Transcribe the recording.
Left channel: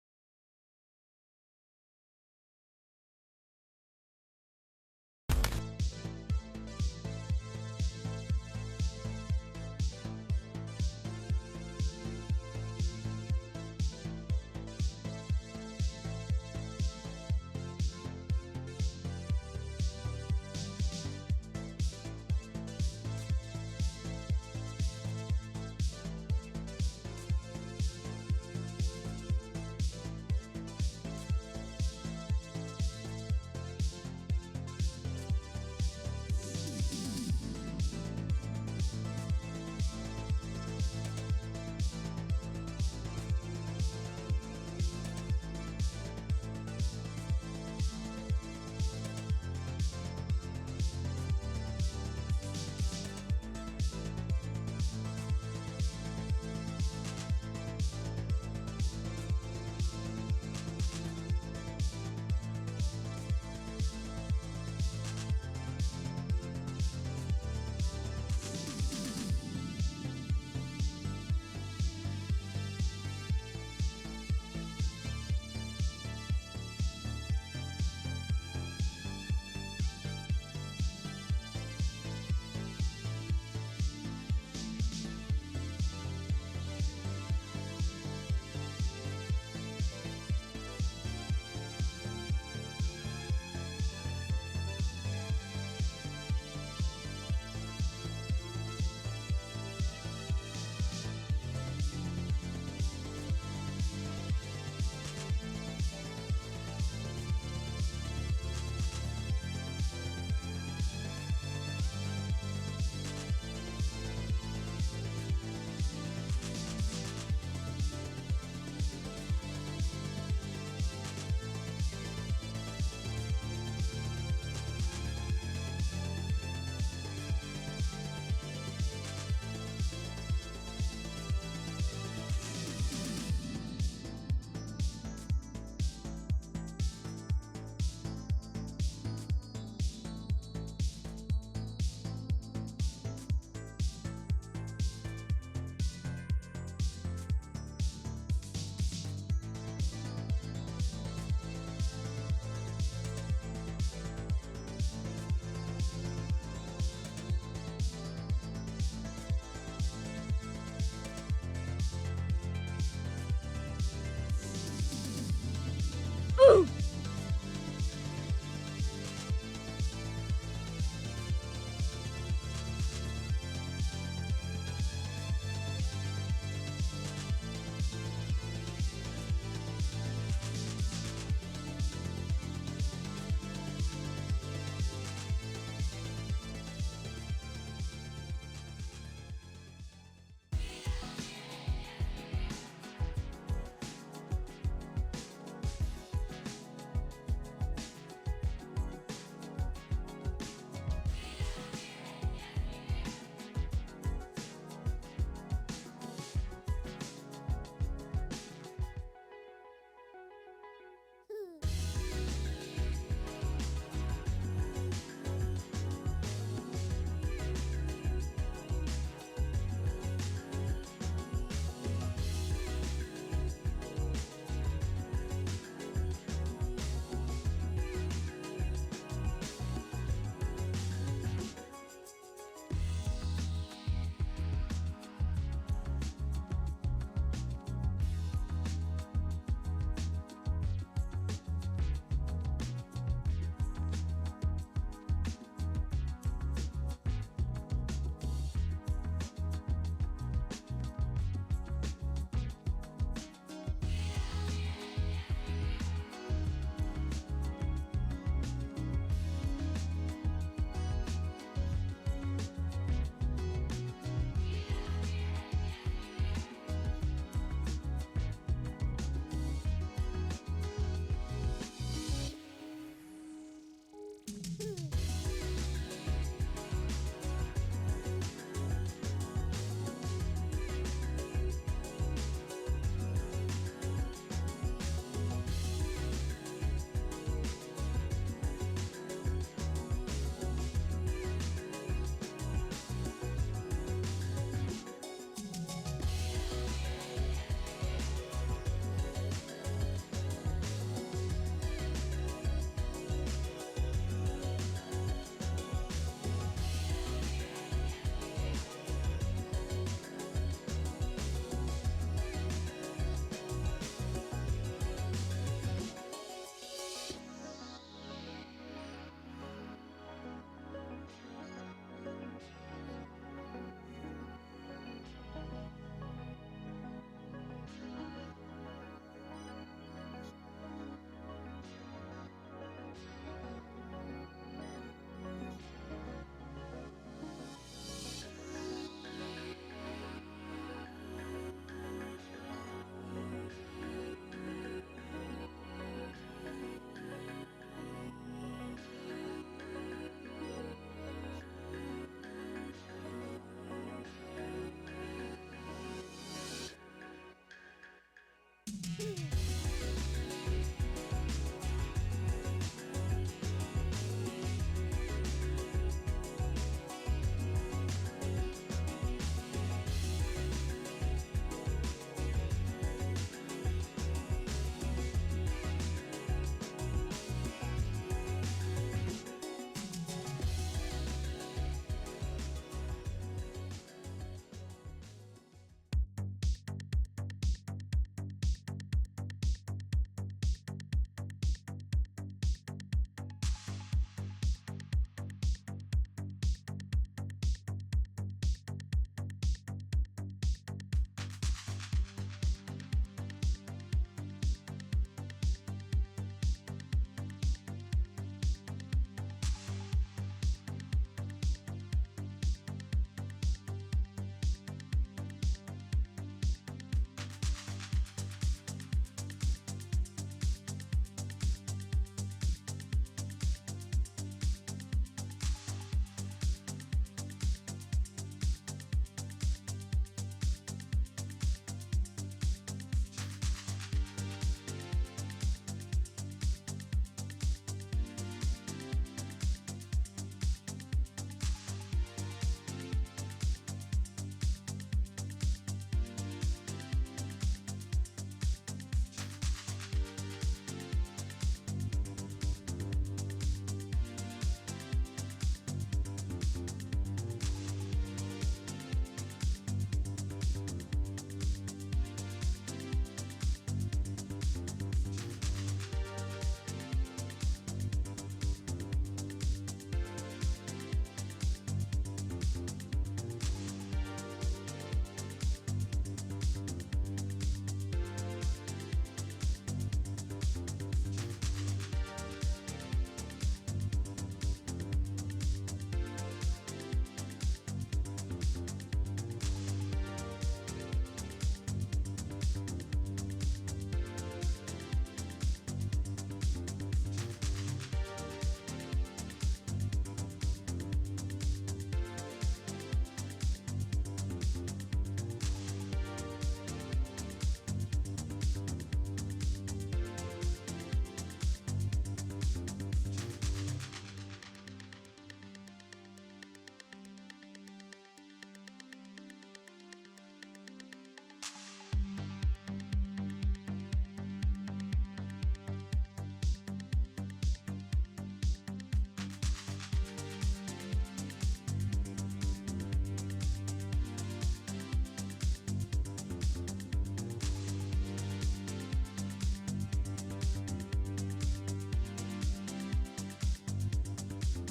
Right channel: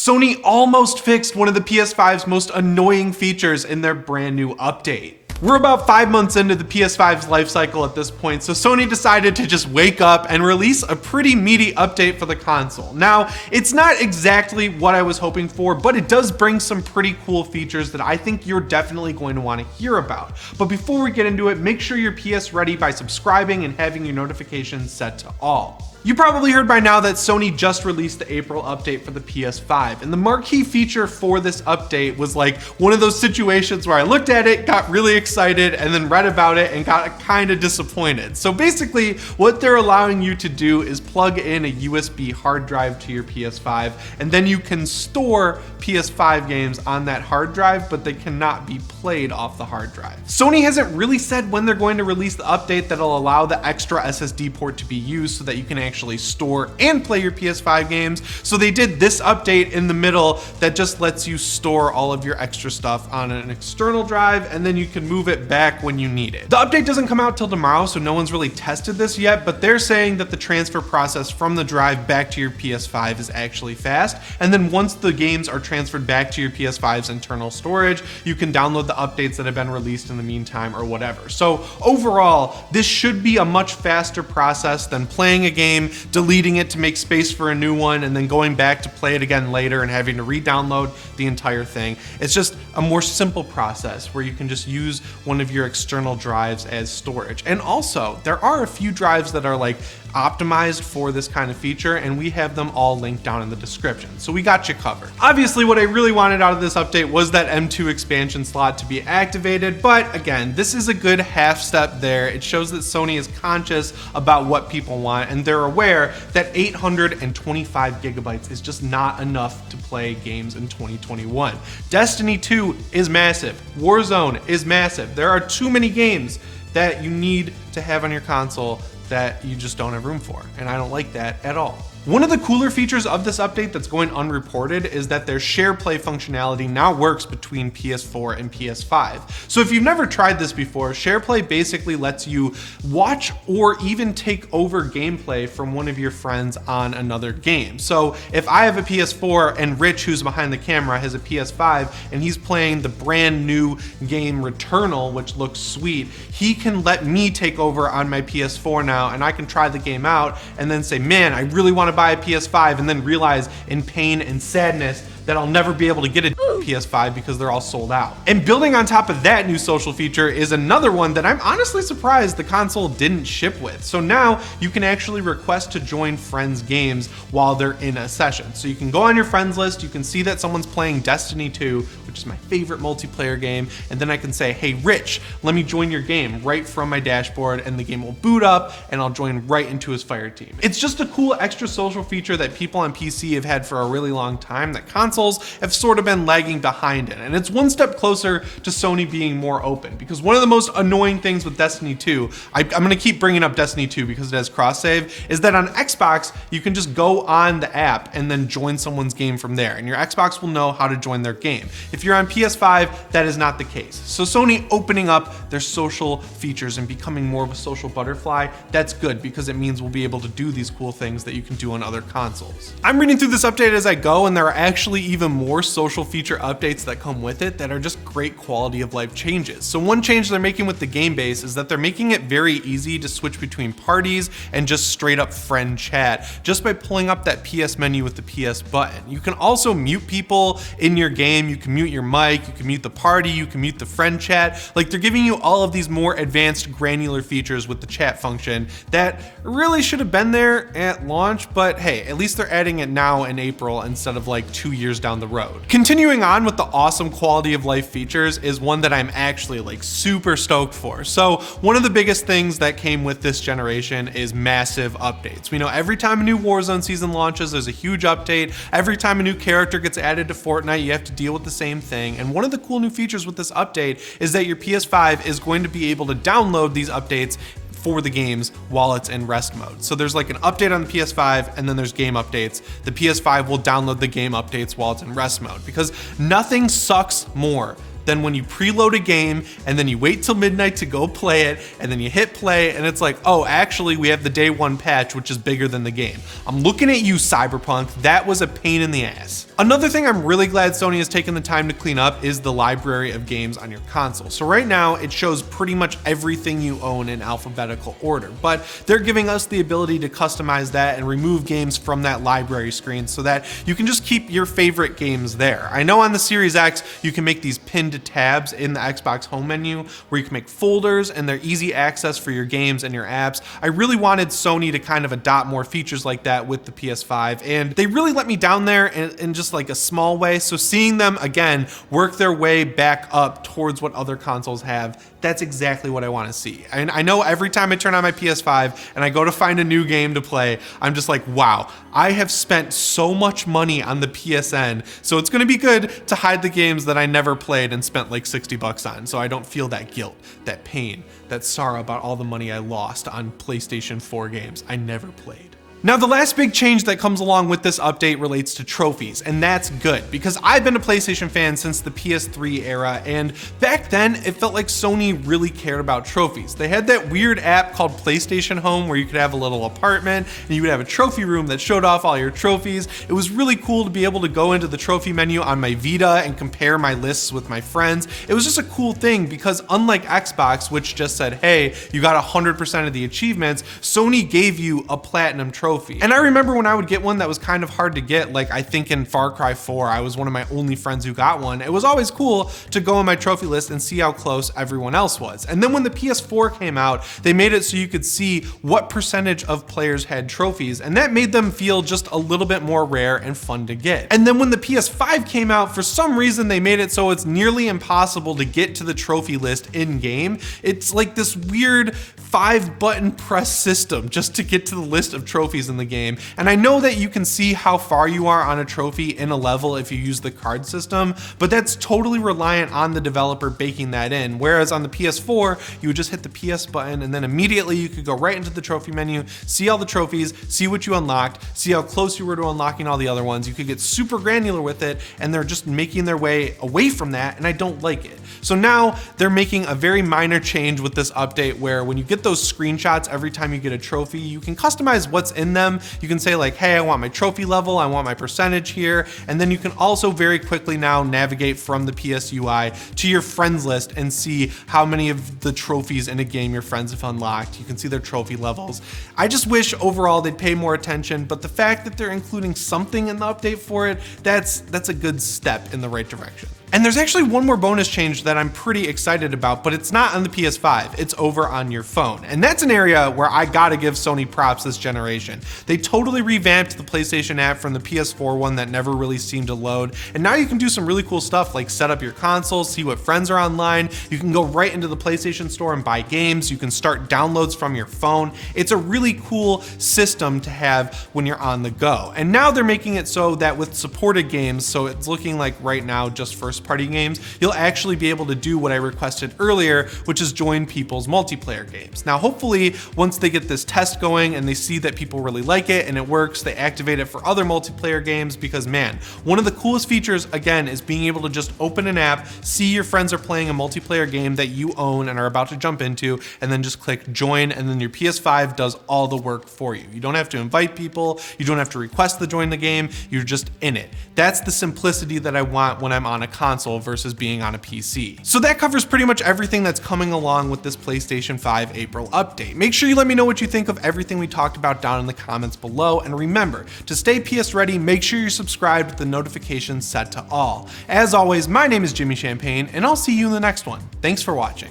Sony almost fixed one of the PS5's most annoying features in their brand new update. We're about 5 months into the PS5's life cycle at this point, so Sony decided to just wake up and release a pretty meaty update for the console. Now, it's not exactly what I was hoping for, but it does bring some pretty cool features that I think you're definitely going to want to hear about. But before we get into it, make sure you're PS ready by subscribing and having your notifications set to all. You probably heard by now that Sony just released the April update for the PS5, and the marquee feature for this update was like one of those situations where I looked at it, got really excited, and then read about it and got kind of disappointed. So basically, what they're allowing you to do is plug in a USB hard drive to your PS5, and then you can store PS5 games on that hard drive, but they cannot be played off the hard drive. Sony hasn't really said when they're going to release the update that'll allow the extra SSD port to be used so that you can actually store and play your PS5 games. So they did this update in the middle that just lets you store all of your extra stuff on an external drive, and then you can move it back when you need it. The update doesn't come out till tomorrow, so no one's really tested this yet, but they're saying that the transfer process from the drive back to your PS5 is actually fast. And then once the games are transferred back to your PS5's internal storage, you can download the updates that have been released in the meantime or whatever. So overall, this should be a much faster process than playing a game, deleting it to make space for a new one, and then going back to play it again later and having to re-download the entire thing. It's just a more simple process where you can just use one of your external drives as storage. And also, there are a few drives that are like optimized for this kind of feature, and we have them all linked down in the description, so we got you covered. Obviously, what I really wanted out of this update was that M2 expansion slot to be activated, but again, this is a good half step there. It shows that Sony is conscious about what people want, and they're aware that 825 gigabytes is just not enough to play games in 2021. Destiny 2 is massive. Warzone is massive. There are too many games that you need to have on your console that you just don't have room for, and I don't like that at all. One of the cooler features of this update that's going unreported is that their share play functionality now works between PS4 and PS5. So if you've never tried this before, share play basically lets you watch or even take over gameplay from one of your friends on another game. So if I have a PS4 and Rich, who's behind the camera, has a PS5 and he's playing the brand new game Returnal, which looks sweet, he can let me take over on my PS4 now, and I can try the game out and then say, man, I really want to buy a PS5, and then realize in pain and sadness that I'll never be able to get a PS5 because they're all sold out. And building on top of that new social feature is another one that I'm honestly surprised the console didn't ship with. So now you can actually request to join friends' games while they're in a session. So you can go on your friends list, you can see that someone's playing Destiny 2, which is my favorite multiplayer game, and then I can say, hey Rich, let me join your game right from my dashboard, and the game will boot up and I'll join right into his fire team. It's just a cool extra social feature that people on PC have had for a really long time that consoles have sort of been lagging behind in, and it's one step closer to Sony being more open, because one of the most annoying things with Destiny 2, I'm gonna keep bringing up Destiny 2 because it has cross save, is that on Xbox you can just go on the app and then join someone's game from there, and your Xbox will know how to join their game. If you're on PS5, that is not the case. So Sony opening up their social features and becoming more of a social butterfly, that's good, because it means we'll be able to do these cool things that you can do on other consoles. I'm reading through this update as I go, and there are actually even more social feature updates that come with it that are just great quality of life changes. So one change they're making with the game base is that they're making it very easy to switch between parties and just straight up friend chat just by pulling up that PS menu with the PS button. You can also mute people in your game, you can mute your mic, you can mute the party, you can mute the friend chat. Like, they're giving you all of these more advanced granular features with the chat function that really should have been there at launch, but hey, at least they're adding it now in April instead of like 2 years down the road. Continuing on with the awesome quality of life features is one that I'm actually like super stoked for. So one of the biggest things that came with this generation is massive updates. We know every time a new Warzone season launches, there's a huge update. Every time a new character gets added to Fortnite, you have to deal with the same thing. And one of the cool new features with this update is that your PS5 is going to be able to download these updates for the games while it's in rest mode. So there's like an update on the PS5, and then there's game updates. The PS5 will download the game updates while it's in rest mode, because nothing sucks more than when you preload a game and then you wait till midnight to go play it, and then you hit play and it's like, oh, actually we have the day one patch, which is bigger than the game. I'm looking at you, Cyberpunk. That was a pain in the ass. Another thing I'm really glad Sony has taken the time to clean up is the library of games on your console. So right now it shows pretty much everything you own in alphabetical order, but they're giving us the ability to customize that and remove games from that library screen so that you can just keep your favorite games there. I know on the Series X you can make these pinned tabs in the Xbox home menu where you can make folders and they're easy access for your games and your apps. I really wanted Sony to kind of adopt more features like that with the PS5, and they really let me down there in just like a small way. So seeing them again work their way back up towards what other consoles have, that's exactly what I want to see. And I know every time I turn on my PS5 and I go to find a new game to play, I'm just like, wow, I have spent so much money on the PSN. So it's going to be good to hide the games that I never played and spent like 60 bucks on, so I don't feel that guilt, that pain, that sorrow about all the money I lost on PlayStation 4 games I never played. Now, the last big change that comes along with this update relates to trophies, and that's good because I've been a PlayStation fan since the PS3 era, and back then it felt like Sony really cared about trophies. They had that weird app called PlayStation Home where you could have a little apartment and you would have a trophy room that showed off all your trophies. It was really cool to be able to go into the trophy menu on my Vita and compare my lists with my friends. It was just a cool thing because unlike Xbox, which just said, hey, you got 100% of the achievements, Sony gave you a platinum trophy. And I remember when I would get one that was kind of hard to get, like I think in Far Cry 4, I was one of my only friends who got one. It was always cool to go on my trophy list and see how close everyone else was. And then when the PS4 came out, they made it so you could see what percentage of players had trophies, and that made them feel just a little bit more rare and fun to get. And then when the PS5 came out, for some reason they made it so it's nearly impossible to get to the trophy list in game. It's like this weird 5-button press system just to get to the list of trophies in the game. And I know that you can see how far you are on a trophy in a level if you use the card system, but that's totally reliant on the developer baking that in. Whereas on the PS4, you would just hit the PS button and then immediately you could go right into the trophy menu, see all the trophies, see what you unlocked, see how close you were to unlocking all the other ones. You could get super granular with it, and they're just making their way away from that, and I don't like it. So now they're making a very minor change with this update where when you get those screenshots every time you get a trophy, you can customize what's in them. You can say like, hey, I want my trophy level, I want my percentage here, and then you can also very quickly now navigate from the PS UI to your friends list and see how many of the trophies in a game your friends have unlocked. You can see their trophy levels. I just wish overall they'd pay more attention, but the fact that they're including something in the update for it, that's a good step in the right direction. And there's actually one more bonus change that I'm pretty excited about, but it's not on the PS5, it's over on your phone. And that's an area where I gotta give Sony props this generation. They totally revamped the PlayStation app from the PS4 one that never really seemed to load. And now you can do some really cool stuff like set up your console, see what friends are online. You can go right into the PlayStation Store and buy games. You can start downloads from your phone. It's a really cool system to have when you're on the go. And now they're making it so that with supported games, so it's looking like right now just first-party games, you'll actually be able to do what I requested earlier, which is join people's multiplayer games. Now, hopefully, once they get this test going and they see that people really like it and it works, they activate it for other multiplayer games because, man, one of the coolest features, again, is being able to just open an app, see your friends are playing a multiplayer game that you own and are about to jump into, and then just click join, and then your PS5 does all the work for you. You don't have to invite people, you don't have to request to join the game, you're just in it. That's the simplicity that I want when I'm on a console versus being on a PC. So that covers pretty much everything that's coming along with this PlayStation 5 April update. Make sure you let me know what you think of everything we talked about down in the comments below, and remember, to stay PS ready, make sure you're subscribed with the notifications set to all. As always, my name is Jimmy Champagne, and I'll see you in the next one. Thanks for watching.